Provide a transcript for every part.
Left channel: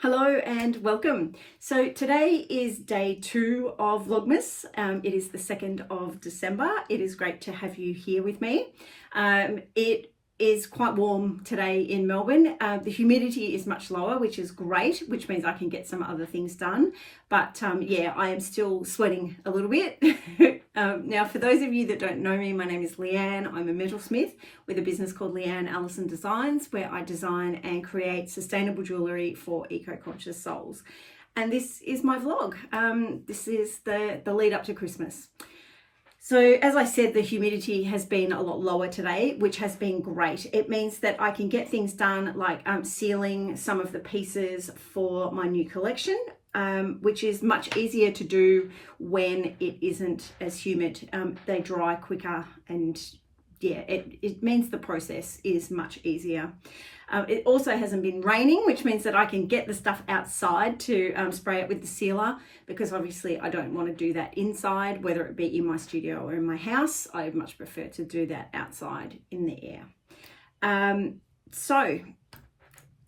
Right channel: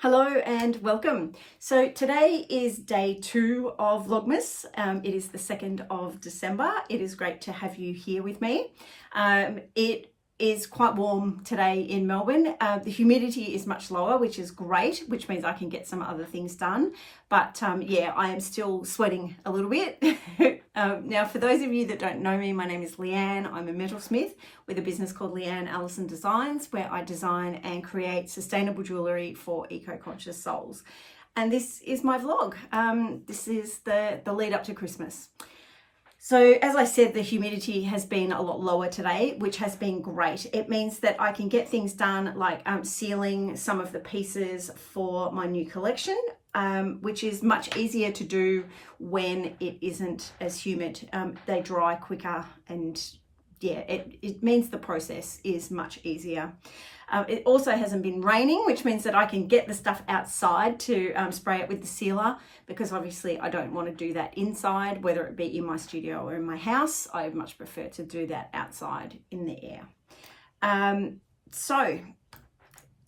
Hello and welcome. So today is day 2 of Vlogmas. It is the 2nd of December. It is great to have you here with me. It is quite warm today in Melbourne. The humidity is much lower, which is great, which means I can get some other things done. But yeah, I am still sweating a little bit. Now, for those of you that don't know me, my name is Leanne. I'm a metalsmith with a business called Leanne Allison Designs, where I design and create sustainable jewellery for eco-conscious souls. And this is my vlog. This is the lead up to Christmas. So as I said, the humidity has been a lot lower today, which has been great. It means that I can get things done like sealing some of the pieces for my new collection, which is much easier to do when it isn't as humid. They dry quicker and yeah, it means the process is much easier. It also hasn't been raining, which means that I can get the stuff outside to spray it with the sealer, because obviously I don't want to do that inside, whether it be in my studio or in my house. I much prefer to do that outside in the air. So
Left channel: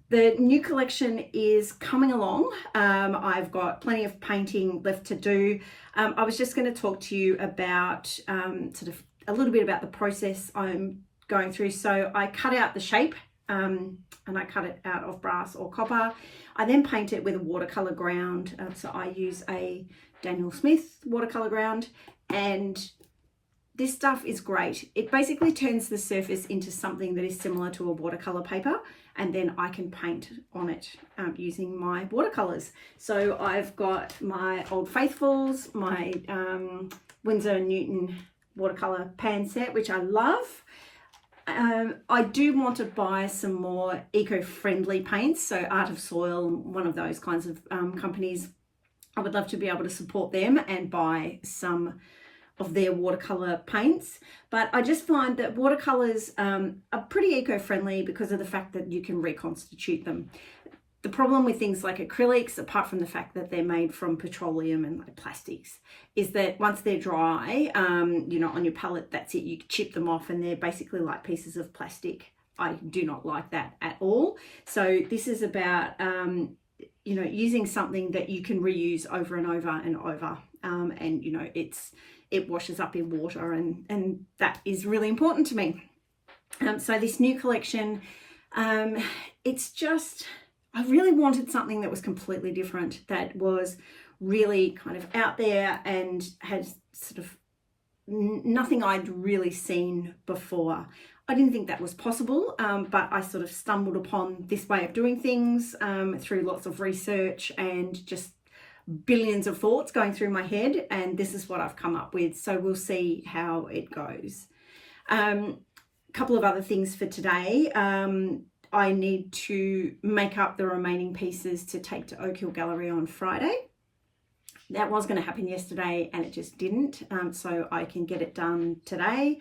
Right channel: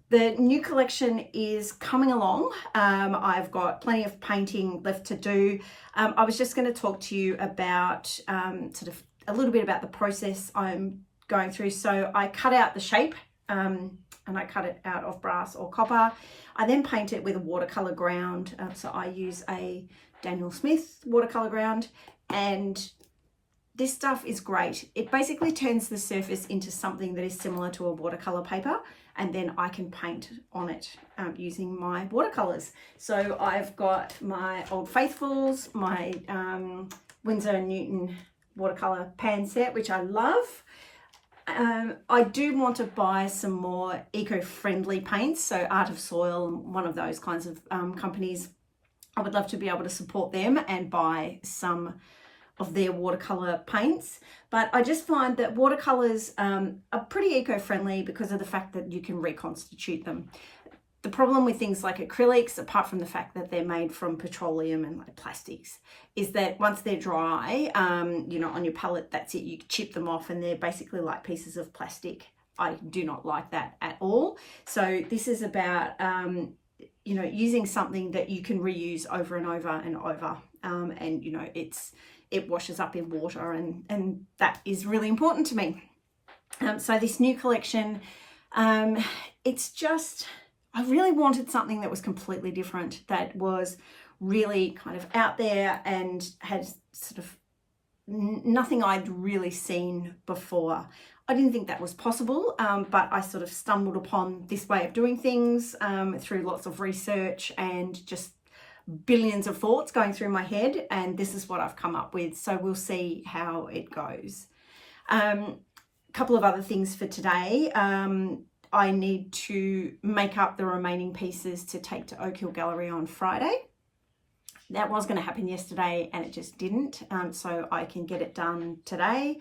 the new collection is coming along. I've got plenty of painting left to do. I was just going to talk to you about sort of a little bit about the process I'm going through. So I cut out the shape and I cut it out of brass or copper. I then paint it with a watercolor ground. So I use a Daniel Smith watercolor ground, and this stuff is great. It basically turns the surface into something that is similar to a watercolor paper, and then I can paint on it using my watercolors. So I've got my Old Faithfuls, my Winsor & Newton watercolor pan set, which I love. I do want to buy some more eco-friendly paints, so Art of Soil, one of those kinds of companies. I would love to be able to support them and buy some of their watercolor paints. But I just find that watercolors are pretty eco-friendly because of the fact that you can reconstitute them. The problem with things like acrylics, apart from the fact that they're made from petroleum and like plastics, is that once they're dry, you know, on your palette, that's it. You chip them off and they're basically like pieces of plastic. I do not like that at all. So this is about, you know, using something that you can reuse over and over and over. And, you know, it washes up in water, and that is really important to me. So this new collection, it's just, I really wanted something that was completely different, that was really kind of out there and had sort of nothing I'd really seen before. I didn't think that was possible, but I sort of stumbled upon this way of doing things through lots of research and just billions of thoughts going through my head, and this is what I've come up with. So we'll see how it goes. A couple of other things for today. I need to make up the remaining pieces to take to Oak Hill Gallery on Friday. That was going to happen yesterday and it just didn't, so I can get it done today.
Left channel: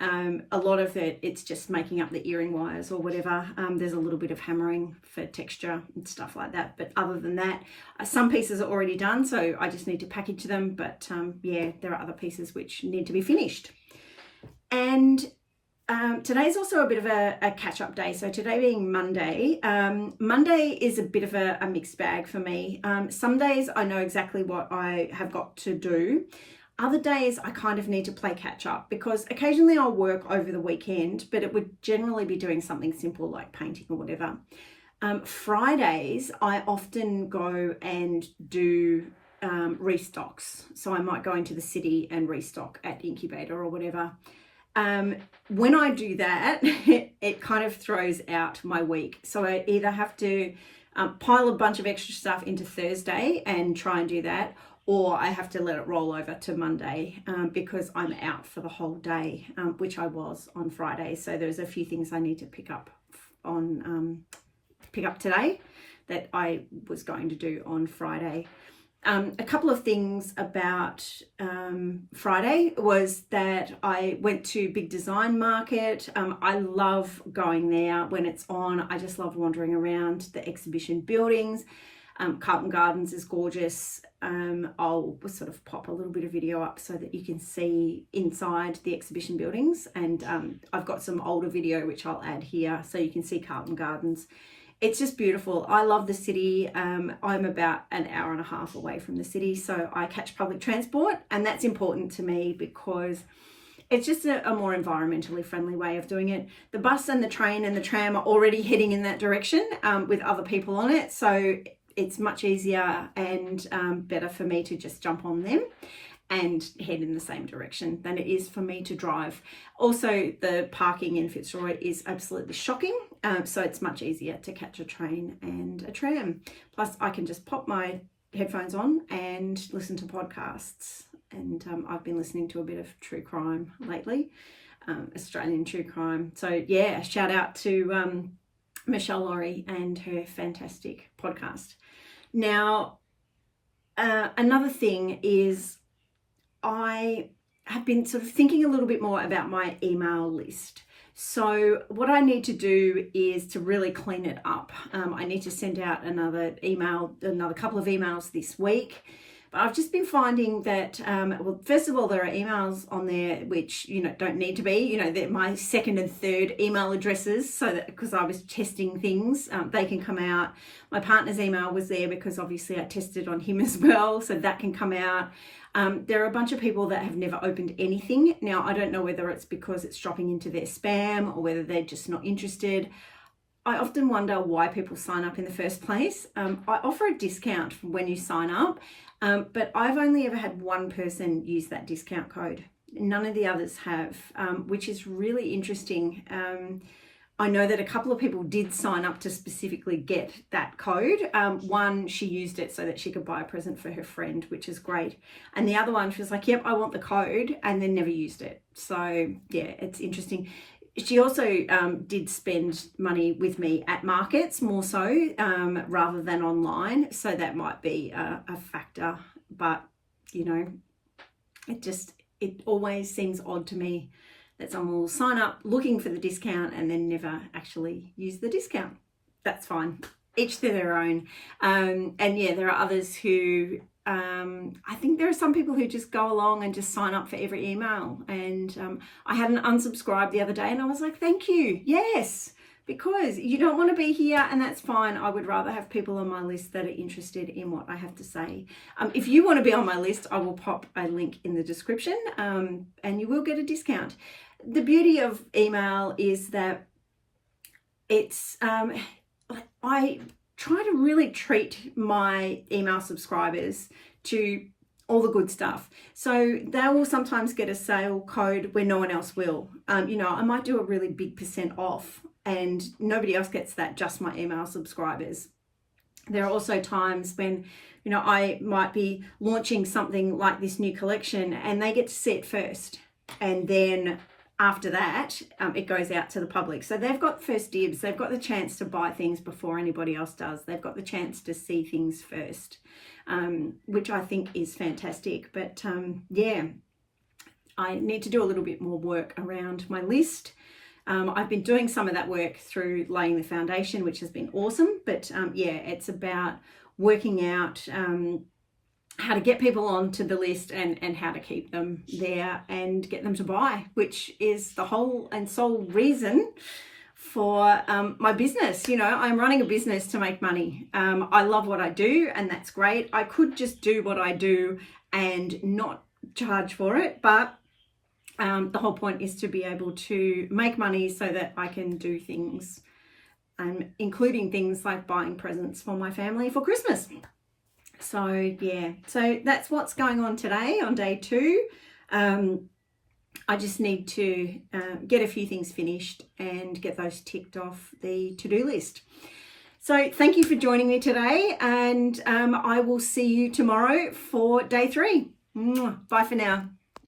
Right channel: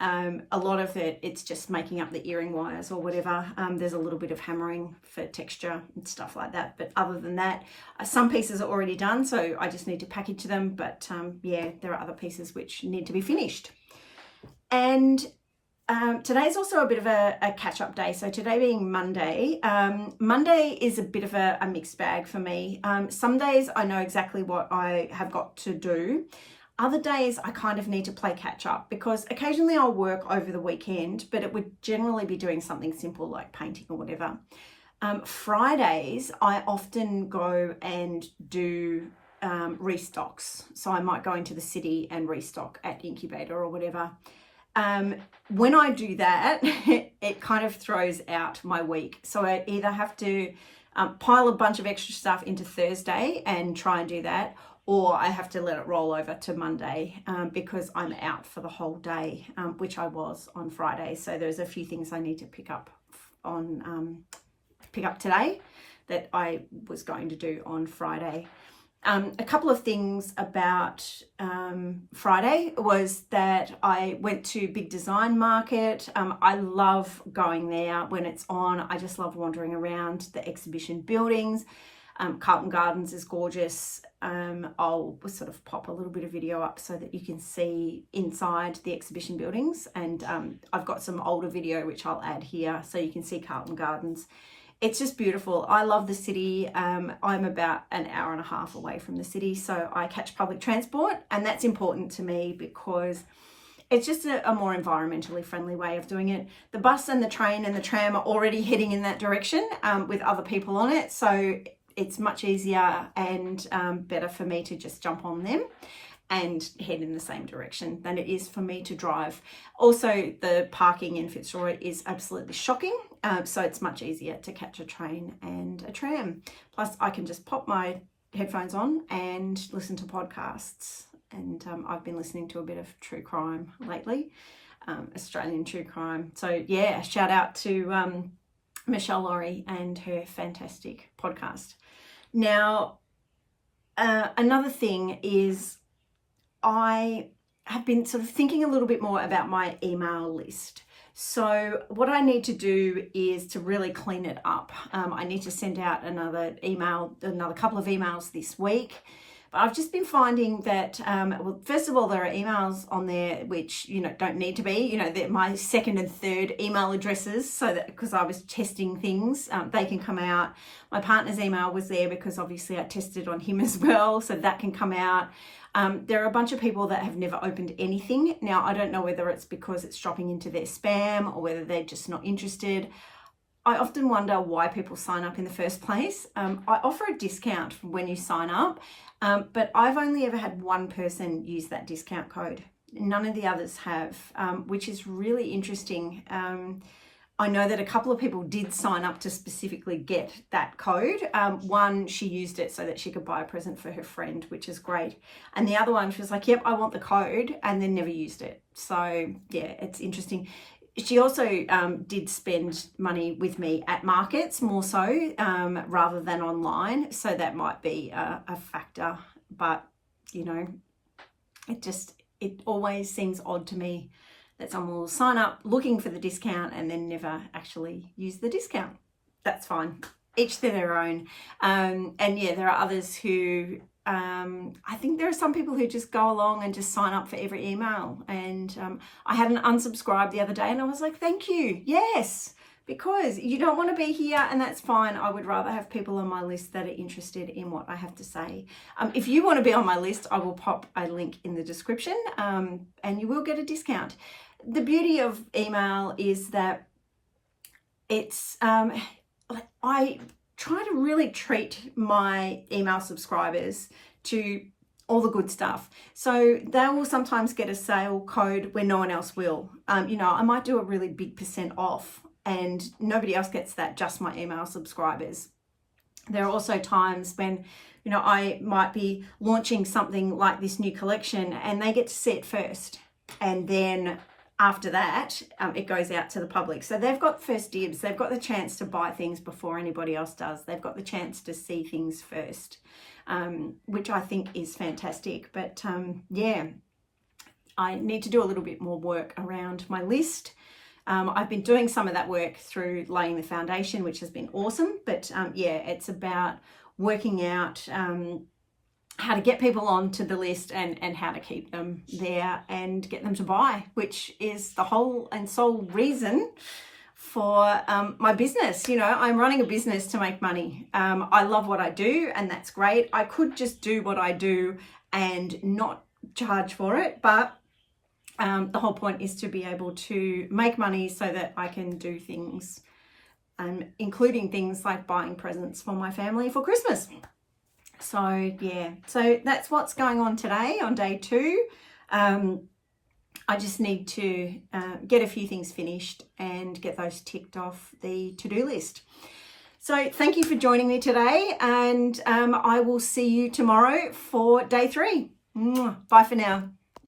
A lot of it's just making up the earring wires or whatever. There's a little bit of hammering for texture and stuff like that, but other than that, some pieces are already done, so I just need to package them. But yeah, there are other pieces which need to be finished. And today's also a bit of a catch-up day. So today being Monday, Monday is a bit of a mixed bag for me. Some days I know exactly what I have got to do. Other days I kind of need to play catch-up, because occasionally I'll work over the weekend, but it would generally be doing something simple like painting or whatever. Fridays I often go and do restocks. So I might go into the city and restock at Incubator or whatever. When I do that, it kind of throws out my week. So I either have to pile a bunch of extra stuff into Thursday and try and do that, or I have to let it roll over to Monday because I'm out for the whole day, which I was on Friday. So there's a few things I need to pick up today that I was going to do on Friday. A couple of things about Friday was that I went to Big Design Market. I love going there when it's on. I just love wandering around the exhibition buildings. Carlton Gardens is gorgeous. I'll sort of pop a little bit of video up so that you can see inside the exhibition buildings. And I've got some older video which I'll add here so you can see Carlton Gardens. it's just beautiful. I love the city. I'm about an hour and a half away from the city, so I catch public transport, and that's important to me because it's just a more environmentally friendly way of doing it. The bus and the train and the tram are already heading in that direction with other people on it, so it's much easier and better for me to just jump on them and head in the same direction than it is for me to drive. Also, the parking in Fitzroy is absolutely shocking, so it's much easier to catch a train and a tram. Plus, I can just pop my headphones on and listen to podcasts. And I've been listening to a bit of true crime lately, Australian true crime. So yeah, shout out to Michelle Laurie and her fantastic podcast. Now, another thing is I have been sort of thinking a little bit more about my email list. So what I need to do is to really clean it up. I need to send out another couple of emails this week. But I've just been finding that, well, first of all, there are emails on there which, don't need to be, they're my second and third email addresses, so that because I was testing things, they can come out. My partner's email was there because obviously I tested on him as well, so that can come out. There are a bunch of people that have never opened anything. Now, I don't know whether it's because it's dropping into their spam or whether they're just not interested. I often wonder why people sign up in the first place. I offer a discount when you sign up, but I've only ever had one person use that discount code. None of the others have, which is really interesting. I know that a couple of people did sign up to specifically get that code. One, she used it so that she could buy a present for her friend, which is great. And the other one, she was like, yep, I want the code, and then never used it. So yeah, it's interesting. She also did spend money with me at markets more so rather than online. So that might be a factor, but it always seems odd to me that someone will sign up looking for the discount and then never actually use the discount. That's fine. Each to their own. And yeah, there are others who, I think there are some people who just go along and just sign up for every email. And I had an unsubscribe the other day and I was like, thank you. Yes, because you don't want to be here and that's fine. I would rather have people on my list that are interested in what I have to say. If you want to be on my list, I will pop a link in the description and you will get a discount. The beauty of email is that it's, I try to really treat my email subscribers to all the good stuff. So they will sometimes get a sale code where no one else will. I might do a really big % off and nobody else gets that, just my email subscribers. There are also times when, I might be launching something like this new collection and they get to see it first. And then after that, it goes out to the public. So they've got first dibs. They've got the chance to buy things before anybody else does. They've got the chance to see things first, which I think is fantastic. But yeah, I need to do a little bit more work around my list. I've been doing some of that work through laying the foundation, which has been awesome. But yeah, it's about working out how to get people onto the list and how to keep them there and get them to buy, which is the whole and sole reason for my business. I'm running a business to make money. I love what I do and that's great. I could just do what I do and not charge for it, but the whole point is to be able to make money so that I can do things, including things like buying presents for my family for Christmas. So yeah, so that's what's going on today on day 2. I just need to get a few things finished and get those ticked off the to-do list. So thank you for joining me today, and I will see you tomorrow for day 3. Bye for now.